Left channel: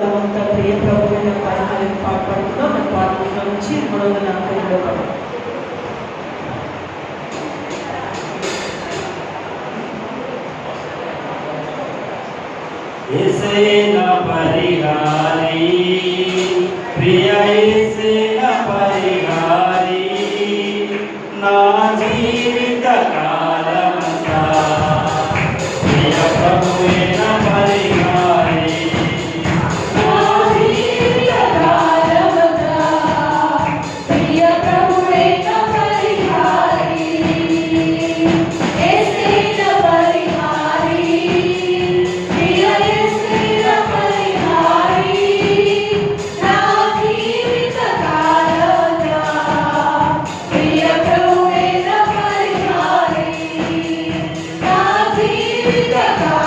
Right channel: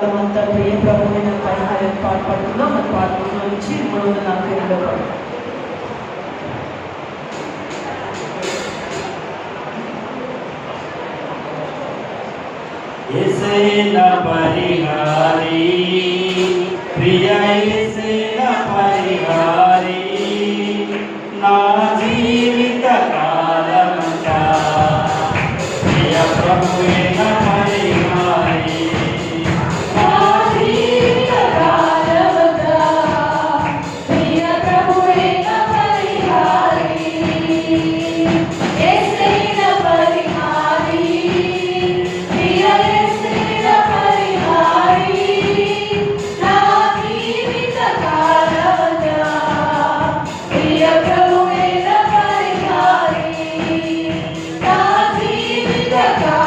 అంతా ప్రియ ప్రభు అయిన పాడుతున్నాం మన పాటలో నుంచి మూడు వందల నలభై రెండో ప్రియ నా జీవిత 的